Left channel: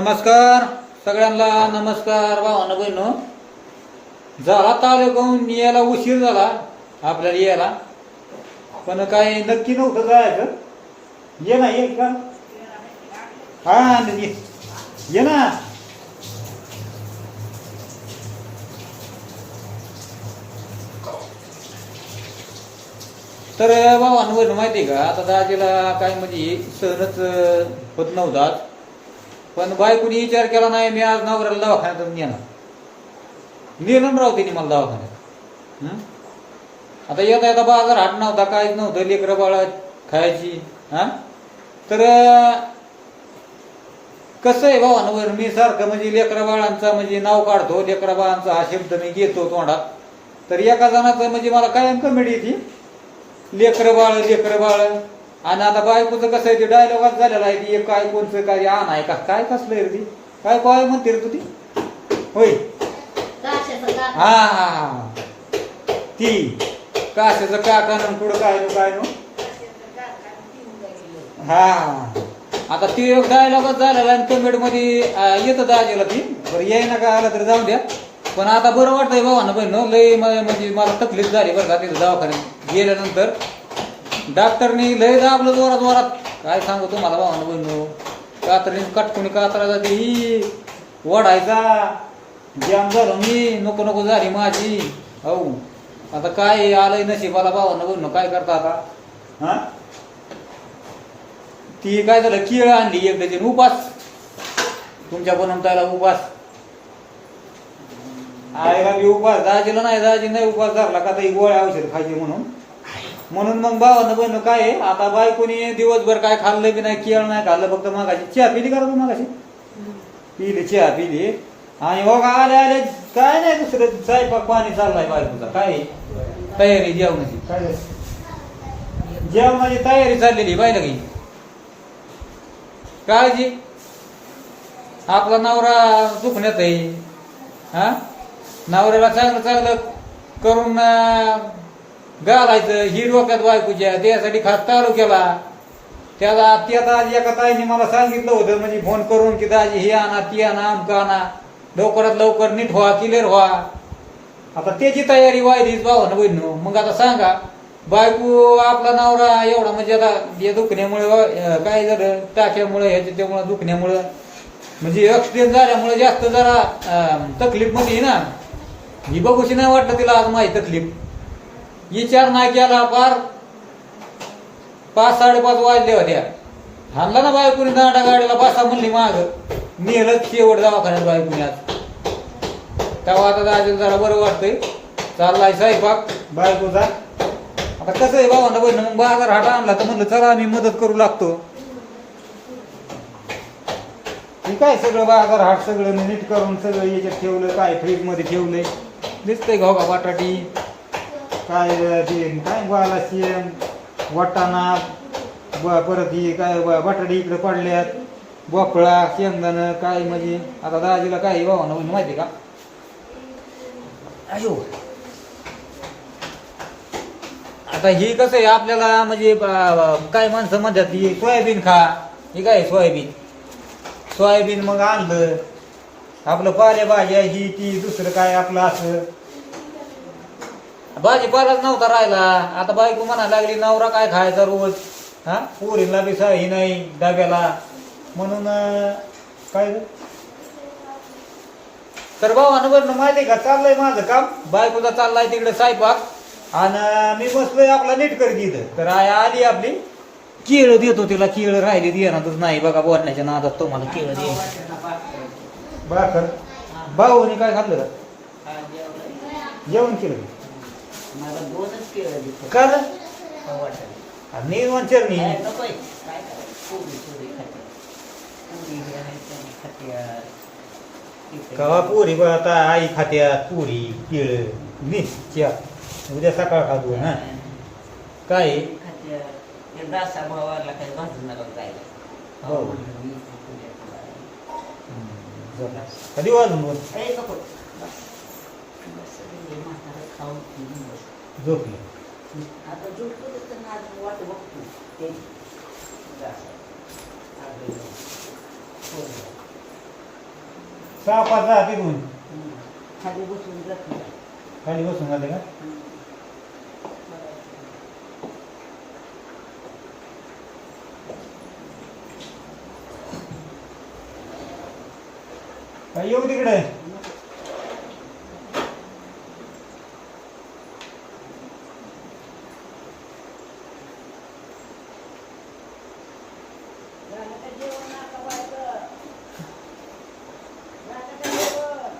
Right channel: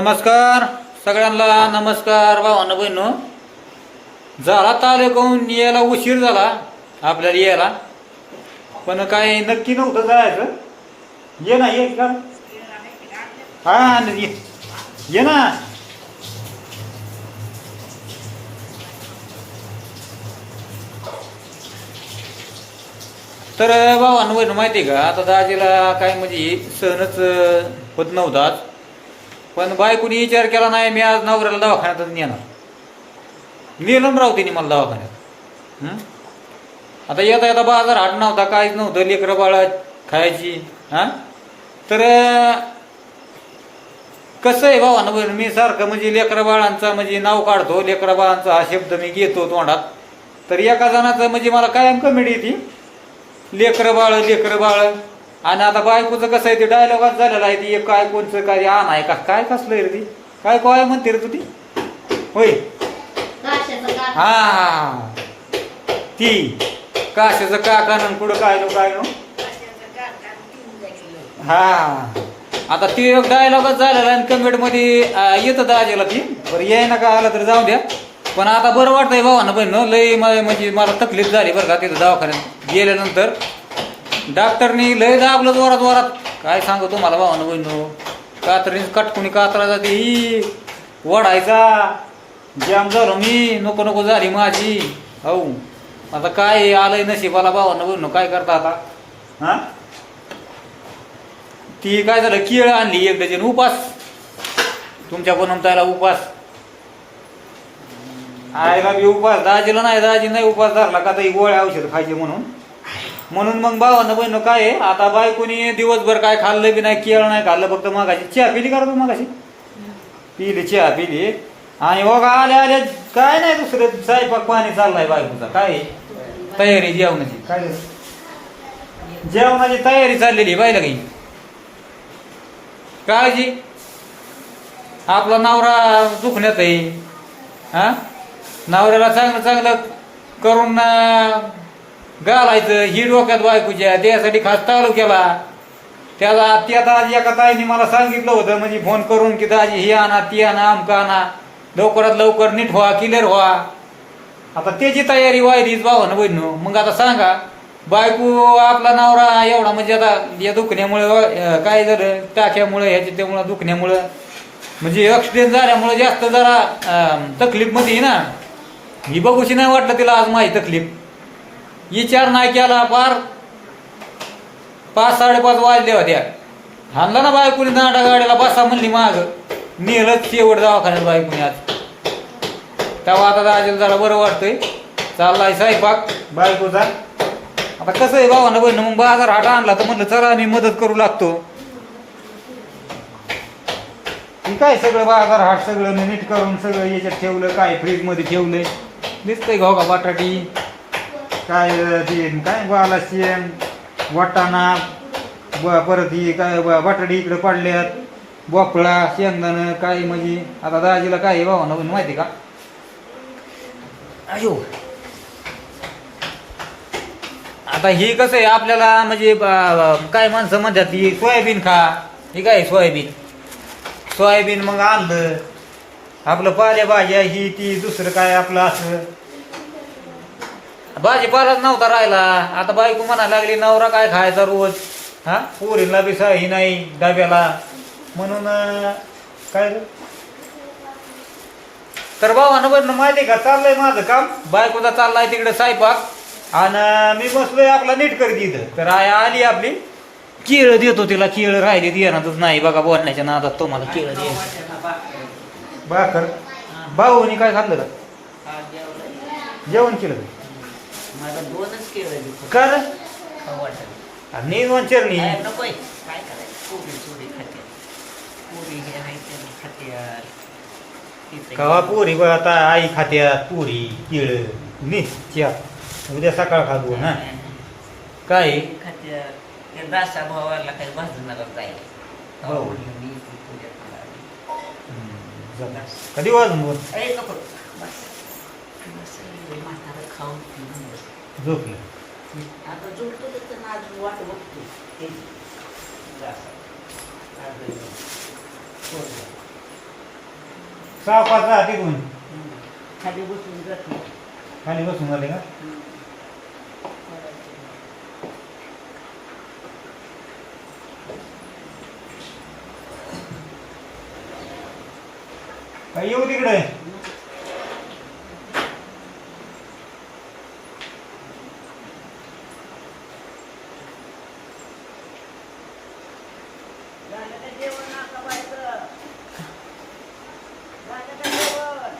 नमस्कार सगळ्यांना नमस्कार भावानं बहिणू. झाला तालुक्याहून यायला उशीर झाला आपल्याला यायला. पण काय नक्की नव्हतं जायचं. ये ना ये का हा न- ये. ये ना. तर भावानं बहिणू माहिती आहे का? आता दाजीला काय म्हणजे सहनच होत नव्हताच पण बायकोनी विचार केला नाही मी आज नवऱ्याला दवाखान्यात नेणार. नेलं राव तिने मला दवाखान्यात. आता येता येता बाजार हाट नव्हता काहीच नव्हतं लेकरं बाळा खायची हा? तर कसं आहे भावानं बरं मी सारखं म्हणजे लेकरं बाळांचा म्हणजे नाव काढतो लेकरं बाळांचा हा शब्द मी घेतो तोंडात. तर एका जणाचं म्हणजे मला कायम कमेडी येते लेकरं बाळ लेकरं बाळ. आणि आता बायकोचं कसं आहे ते डायलॉगात झालेला आहे ती एक काय कोणचं काय आण आहे का काय कसलं आहे रे ती? काय काय म्हणते रे तू ती? होय. हा ती. काशाचं काकानं पुढं काय नो काय नो? हा. आता ती एक डायलॉगच झालेला आणि कमेंटमध्ये येतं दाजेला ती. बरं याय ना काय आलं तर जाऊ द्या. पण आता बरं वाटतंय भावानं बहिण लय म्हणजे मला तकलीफ झाली बरं का तिथं दवाखान्यात. गेल्यानंतर डॉक्टरनी लय दाबलं जोरात जोरात. काय सांगू तुम्हाला भावानं बहिण? कातरीने कटकुनी कातरा जाते. ही वढायचा जाम झालो मी. नको नको झाली माझी. हो आता काय आलंय नशिबाला भावानं बहिणू? काय करता आता? हा? ती काय झालं? केळ आणली एक डझन. उपास. तुमच्या बनवतायला उपास. आईला बी उपास. दाजीला नाही दाजी नाही उपास धरला का आता गोळ्या औषध खायचे म्हणून. म्हणून मग भावानं बहिण काय आहे, आता बायकोनी दिवसभर काय खाल्लं बी नाही केळ नाही खाल्लं फक्त मागाशी चहा पिली का तू मागाशी? पिली चहा पिली. आणि हो का आले आले. काय नाही दुसरं स्वयंपाक पाणी चाललाय बायकोचा. काय? तयारी जेवणाची. काय? जेवणाची तयारी चाललेली बायला काही. काळजी. आपला नवरा दुखण्यात आहे. हा? नवऱ्याला चांगलं चांगलं करून घालायचं ही डोक्यात बायकोच्या त्यासाठी खास चालू केला. त्याला ती आता एका ताईने मला सांगितलं होतं म्हणजे फोन करून की दाजी हे आणा ती आणा आमका आणा. लवकरात लवकर नीट व्हा क्लिअर व्हा. आता त्याची तयारी व्हायलीच भावानं बहिणू मग आता सांगा बायको आपला नवरा एवढा म्हणजे आता या दुखण्यामुळे काय झालं? टाक्यामुळे ह्याच्या त्यामुळे दुखण्यामुळं. म्हणजे ऍक्सिडेंट झाल्यामुळे जास्त जरा तकलीफमध्ये आहे ना. ही बघूशी नाही वाटलं तिला आज माझी तकलीफ. विचार नाही केला फार पाच साडेपाच वाजल्या होत्या हाणला ना बायकोनी दांडा गाड्याला बसा म्हणली माग. नेलंच शेवट दवाखान्यात बायकोनी आज. तेव्हा आता दाजीला जरा बरं वाटतंय. चाललाय स्वयंपाक. बायकोचा? आता कसं आहे भावानं बहिण मग बाजार हाट आणला तर म्हणलं चला आम्ही मदत करू लागतो. ठीक आहे सगळं बाजार हाट सगळं नीट करून सगळं याच्यात ठेवलं काय फ्रीजमध्ये ठेवलंय? दिसतंय का बटाटी काय ते काय बाला शेण वाटाणा ब- परत ही काय ब- इकडे पडल्यात बोकळा शेंगदाणं काय म्हणजे आता दाजीला काय भावानं म्हणून माहिती का? अयो. आता ही कसं आहे आपल्याला म्हणजे काय माणसं म्हणतात ही सोयाबीन खा. ही काय सोयाबीन? सोयाबीन मग आणलं. आपलं पालेभाज्या ही ती दुसरं काय आपलं असं? भाजीपालाच नव्हता राहिला. आता बायको म्हणायला लागली नवरा काय खायचा रोज? हा? पोरीला बी ही नाही डब्याला. म्हणून काय झालं? तर भावानं बरं माहिती का चाललंय माझं काम. बायकोचा चाललाय तिकडे सायपाक. आणि मी बसलोय आपला नीट करते इथं. तर आय आली आपली. केळं देतो तिला केळं राहिली देणारच नाही. बघा बोलण्याच्या नादात तुम्हाला केळं दे बाकर भाऊनी काय खाल्लं का? जेवण केलं का? मला दोनच केळं काय रे? खाऊ वाटत आणि चरणी काय नकोय काय करायचं? पोरी चोरी खाते. पोरी हे आहे त्याने खात्यात कवा पुरी बघ आता आई खात्यात पुरी केळ निश्च्या उद्या सकाळ खातो ना. काय? खात्यात त्या दासा भावाला काही भाजणारा जायला हो. मी. कधी वाजून अरे नको. बस. बस खाऊन पिऊन झोपलं आता झोपतो तर त्यांना अजून वाट बघतो ते हो. सहा पाच राहते कोण खाली बसून जाते खाली बसून झाले का येऊ तिकडे झालं का जेवण आता बायचं? झालं का जेवण?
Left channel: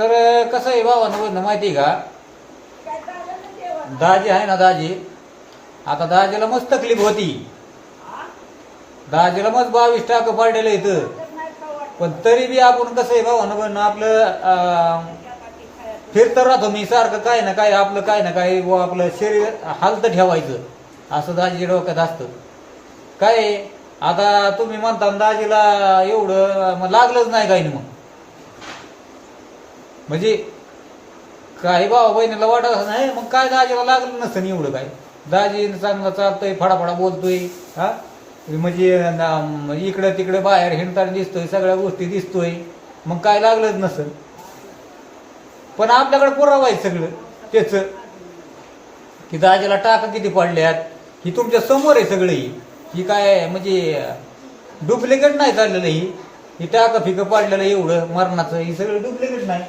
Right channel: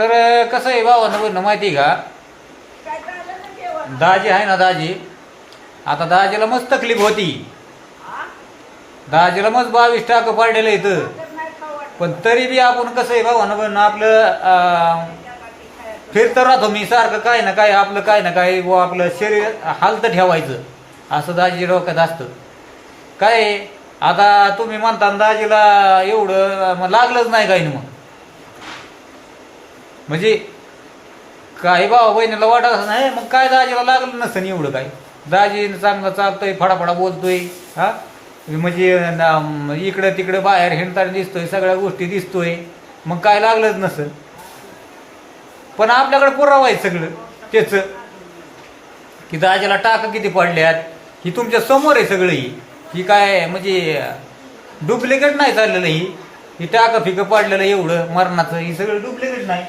तर कसं आहे भावानं माहिती आहे का? दाजी आहे ना दाजी. आता दाजीला मस्त तकलीफ होती. दाजीला मस्त बावीस टाकं पडलेलं इथं. पण तरी बी आपण कसं आहे भावानं पण आपलं अं, फिरत राहतो मी सारखं काय ना काय आपलं काय ना काय बुवा आपलं शरीर हालत ठेवायचं. असं दाजी डोक्यात असतं. काय आता तुम्ही म्हणता दाजीला एवढं मग लागलंच नाही काही मग. म्हणजे काय बाबा बहिणीला वाटत असं नाही मग काय दाजीला लागलं नसतं एवढं काय? दाजी चांगलं चालतोय फडाफडा बोलतोय हा? म्हणजे इकडं तिकडं बाहेर हिंडताना दिसतोय सगळ्या गोष्टी दिसतोय मग काय लागलंच नसेल पण आपल्याकडे पुरावा आहे सगळं त्याच. की दाजीला टाका किती पडल्यात ही तुमच्यासमोर आहे सगळं ही. ही काय म्हणजे डुप्लिकेट नाही चाललेलं ही. ही फिकं पाडलेलं एवढं मरणाचं ही सगळं डुप्लिकेट नाही.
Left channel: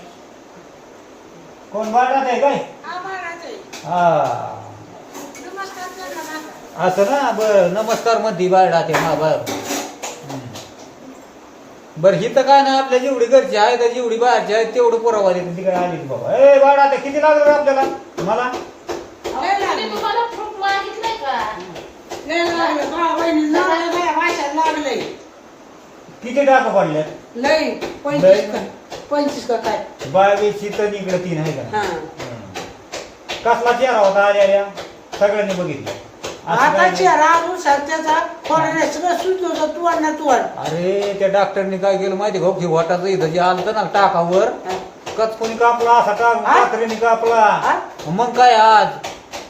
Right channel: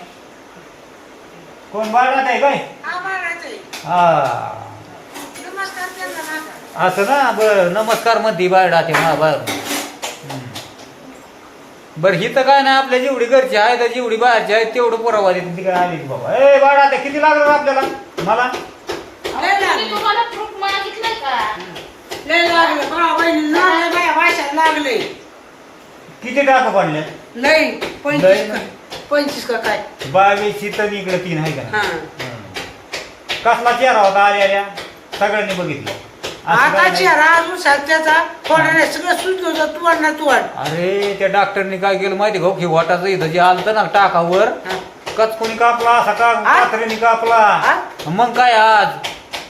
कोण बाळात आहे काय? हा. हा. असं ना बर नमस्कार म्हणती बाळात आहे ना बर. बर ही तर काय नाही आपल्या जेवढी घरची आहे तर जेवढी बाहेरची आहे तेवढं पुरावा देते तिकडे आली की बाबा. ए बाळा आता किती लागलं रे आपल्याला? मला लय लागले. लागले. भाऊ बहिणी लागले बाया भाषाला लागले. किती टाका पडले? लय पंचवीस का पंचवीस का काय? बावीस तर इकडे तीन आहे का हा? कसला चेहरा होता आल्या आल्या सगळ्यांनी बघितलं. असं आता काय नाही. चेहरा? अजून सध्याचा कोणाने सगळं सुचलं होतं. तुवाड ना तुवाड अरे त्या डॉक्टरनी काय केलं माहिती भाऊ की? वाटाचं इथं जे आलतं ना टाकावर हा. कचकुनी कापला असा? कात्रीने कापला? हा? मग काय आज?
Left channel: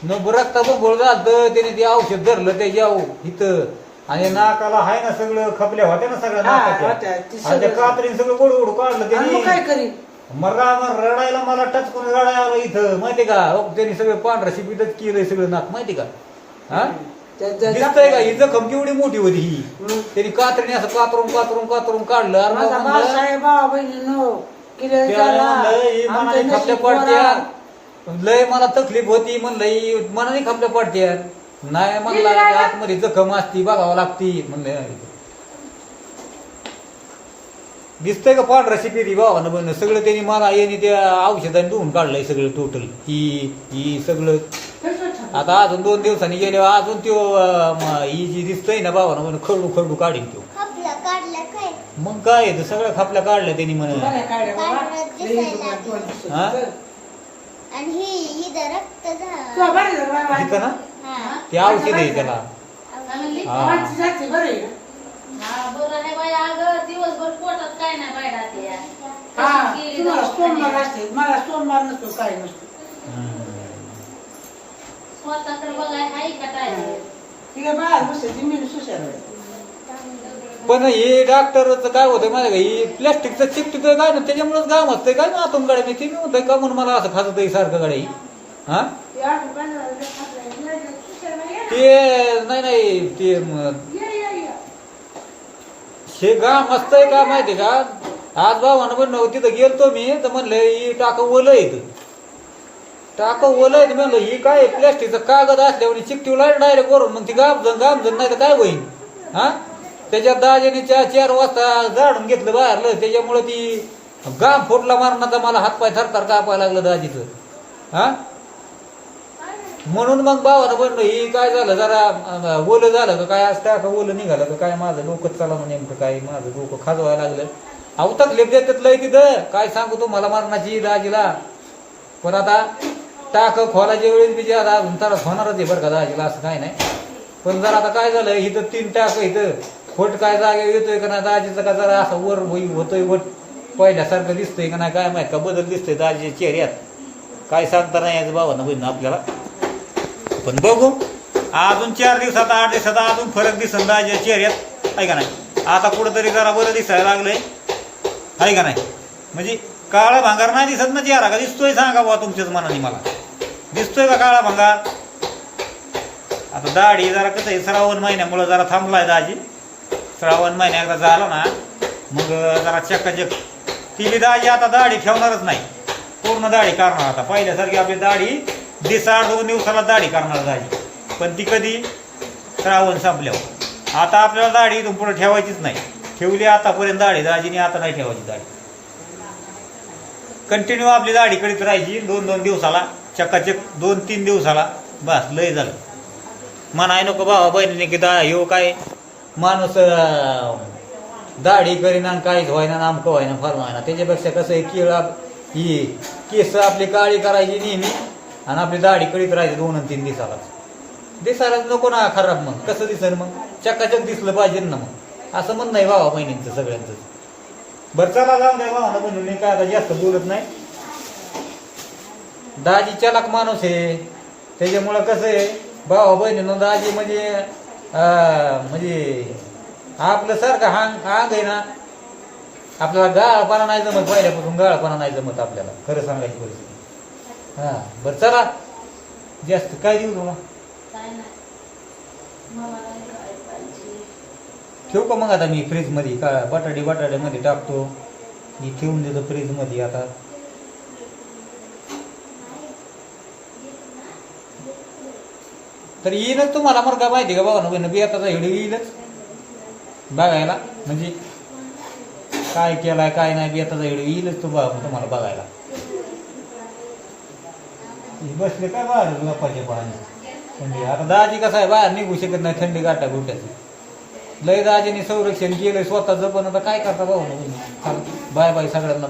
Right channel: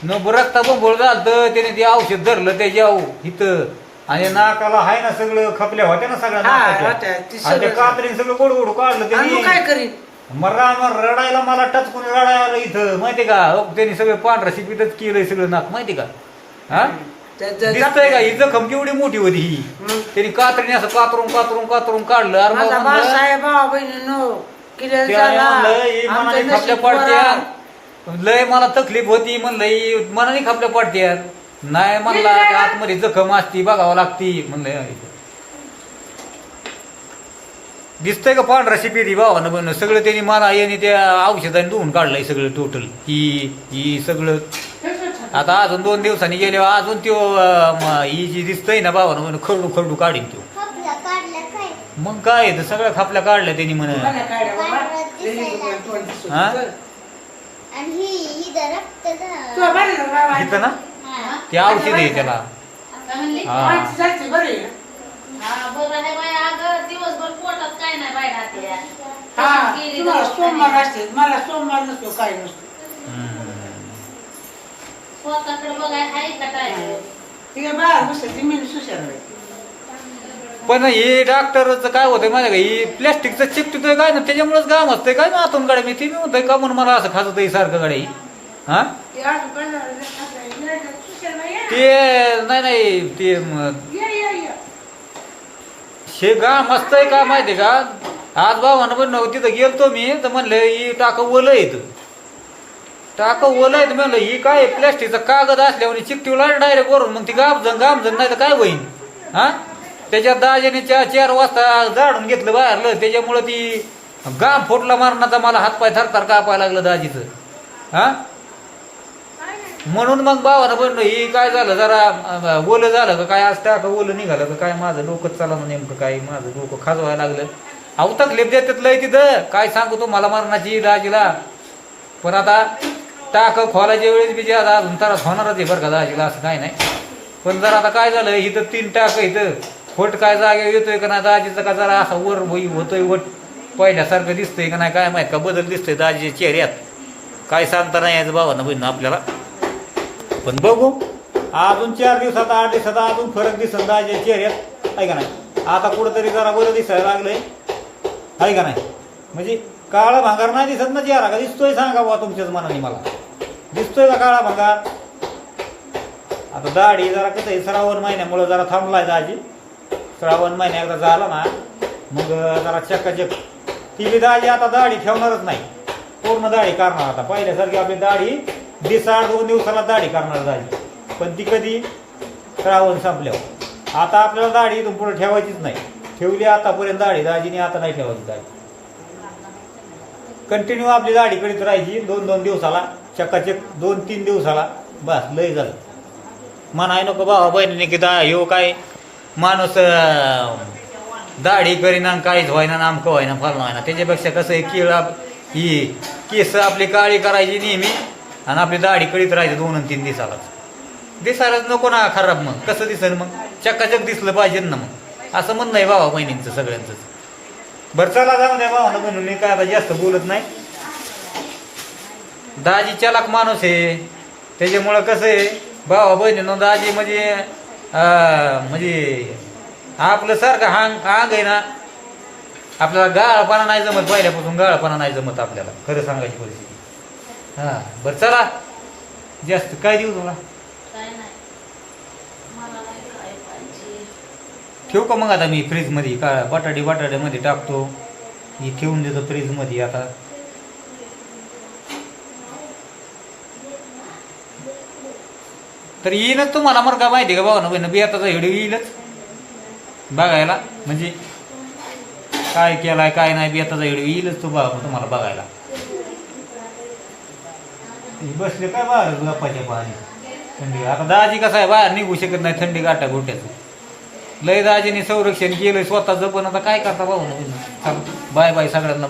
न रक्ता बोंबळ झालं त्याने ते औषध धरलं ते जाऊ इथं. आणि नाकाला हाय ना सगळं खपल्या होत्या ना सगळ्या हा, नाकाच्या. होत्या. ते आणि त्या सगळं- कात्रीने सगळं गोड गोड काढलं आणि मग काय त्यांनी करीन मरा रडायला मला टचकून रडायला इथं माहिती का? त्यांनी सगळं पांढरा शिपीतच केलंय सगळं नाक माहिती का? हा? त्या- त्या- दिसतंय का? ही जखम केवढी मोठी होती ही. हम्म. त्यांनी कात्रीने असं कातरून कातरून कातरून काढलं. अरे माझा बाबा म्हणलं, बाळासाहेब त्या झाला? म्हणलं, ही आमचं मनाने खपल्या नशीब बरं. पडत्या लय मला तकलीफ होती म्हणलं ही मनाने खपल्या पडत्या नाही म्हणला. आतमध्ये जखम असती बघावं लागती म्हणलं दिसतंय का पांढरा शिपेरी भावानं बन सगळं त्यांनी मला यांनी त्या औषधाने धुवून काढलंय सगळं टोटल ही ही सगळं आता अजून दोन दिवसांनी गेल्यावर अजून त्यो अं, म, ही जी दिसतंय ना भावानं म्हण खरडू खरडू काढीन त्यो मग काय आहे, तर सगळ्या खापल्या काढल्या त्यांनी म्हण बाबा. हा? होतं. आणि ही इथं रक्त झालं. तुला बरं आहे का बाबा? तिथं ना. ते औषध आहे त्याला. काय म्हणली हा. माणसं जाते बरं आहे. ना? हा बरं आहे बाई अगं दिवसभर पोटात काय नाही बाई राहते हा गेली तुम्हाला सोमवार दवाखान्यात. असते मला सोमवार नसतो काय नसतो. हम्म. स्वतःकडे बघाय हाय का काय? ठीक आहे बाहेर बसायची मी सुशार बाई. पण हे डॉक्टरचं काय होतंय माहिती का? ही प्लॅस्टिकचं चिपटिकय काय ना त्याच्यामुळेच गाम असतंय काय ना आतून गाड्या? मी ती मी म्हणतोय का म्हणून मला असं खात सारखं गाड्या ही? हा? ते आहे. ते नाही नाही ते. हे गाम असतंय का माहिती का? आज भावानं पण तिथं गेलतो मी. तर म्हणलं ही टाकं ओलं येत टाकं ओलं येत म्हणलं ही काय प्लॅस्टिकचा कागद असल्यावर चिकटीला डायरेक्ट वरून मग ती गामजन गामजन नाही तर काय होईन? हा? त्याच्यात दाजीने चार चार वाजता जाडून घेतलं बाहेरलं. त्याच्यामुळं ती गाम फुटला मारण्याचा मला हातपाय थरथर कापायला लागलं दाजीचं. हा? म्हणून मग भावानं म्हणलं ही काय झालं जरा ओलं झालं का काय आज टाका ओलं निघालं का काय माझं डोकं चाला नेमकं काय माझं डोकं खाजवायला लागलं. अहो तकलीफ देतात लय तिथं. काय सांगू तुम्हाला मला मरणाची दाजीला पण आता टाक खोलायच्या वेळेस बी जे आता अजून त्रास होणारच आहे बरं का दाजीला असं काय नाही. पण जर आता काय झालं इथं तीन टाक इथं खोट काय जागे येतोय का नाही दाजीचं का जरा असं वर होई होतोय वट पहिल्यासारखं दिसतंय का नाही काय माहीत का बदल दिसतोय दाजीच्या चेहऱ्यात. काय सांगता नाही याचं भावानं बहिण आपल्याला. पण बघू. अजून चार दिवसात आठ दिवसात अजून फरक दिसन दाजीच्या चेहऱ्यात आहे का नाही? आता कुठंतरी जरा बरं दिसायला लागलंय. आहे का नाही? म्हणजे काळा भांगार नाही दिसत ना चेहरा का? दिसतोय सांगा बुवा तुमच्याच मनाने मला. दिसतोय का काळा भांगार? आता दाढी जरा कसं आहे श्रावण महिन्यामुळं जरा थांबलाय दाजी. श्रावण महिन्या एकदा झाला ना मग जरा चक्काचक ती बी दाजी आता दाढी ठेवणारच नाही. पूर्ण दाढी करणार आता. पहिल्यासारखी आपली दाढी दिसाड आठ दोन दिवसाला दाढी करणार दाजी. पण ती कधी श्रावण संपल्यावर. आता आपल्याला दाढी इथून पुढे ठेवायचीच नाही. ठेवली आतापर्यंत दाढी दाजीने आता नाही ठेवायची दाढी. कंटिन्यू आपली दाढी करीत राहायची दोन दोन दिवसाला चक्काचक दोन तीन दिवसाला. बस लय झालं. म्हणाय नको भावा बहिणीने की दा ह्यो काय माणूस दाढी करीना काहीच व्हायना नामकं व्हायना फाल व्हायना. त्याच्यापेक्षा कसं आहे केळ ही केस आपली काळी करायची नेहमी. आणि आपली दाढी कळीत राहायची दोन आणि तीन दिसालाच दिसायलाच नको ना खराब मग. कसं दिसेल मग? चक्काचक दिसलं पाहिजे ना मग. असं म्हणणं आहे भावा बहिणींचं सगळ्यांचं बरं चला जाऊ नये भावानं म्हणून. मी काय आता जास्त बोलत नाही. दाजी चलाक माणूस आहे. त्याच्यामुळं कसं आहे भावा बहिणीनं दाजी म्हणजे म्हणजे आपलं सारखं हांग हांग आहे ना. आपल्याला गाळपणा नाही जमत पहिल्यापासून गाळपणा नाही जमत आपल्याला. खरं सांगायची परिस्थिती. हा बरं चला. जास्त काय देऊ तुला काय नाही. मला नाही काय पाहिजे? ठेवू का मग आता मी फ्रीजमध्ये का बटाटे बटाट्यामध्ये टाकतो. मी ठेवून देतो फ्रीजमध्ये आता. तर येईलच तुम्हाला मग काय माहिती का बघा ना बहिण बियाताचा व्हिडिओ येईलच. बघायला म्हणजे काय केलाय काय नाही बियाताचा व्हिडिओ येईलच तो बघा तुम्हाला बघायला. हे बसले काय बाहेर गप्पाच्या पाणी थंडी. आता दाजी कसं आहे बाहेर निघू शकत नाही थंडी गाठा गोट्याचं लय दाजीने संरक्षण केलंय स्वतःचं पण आता काय करता भाऊ? बाय बाय सगळ्यांना.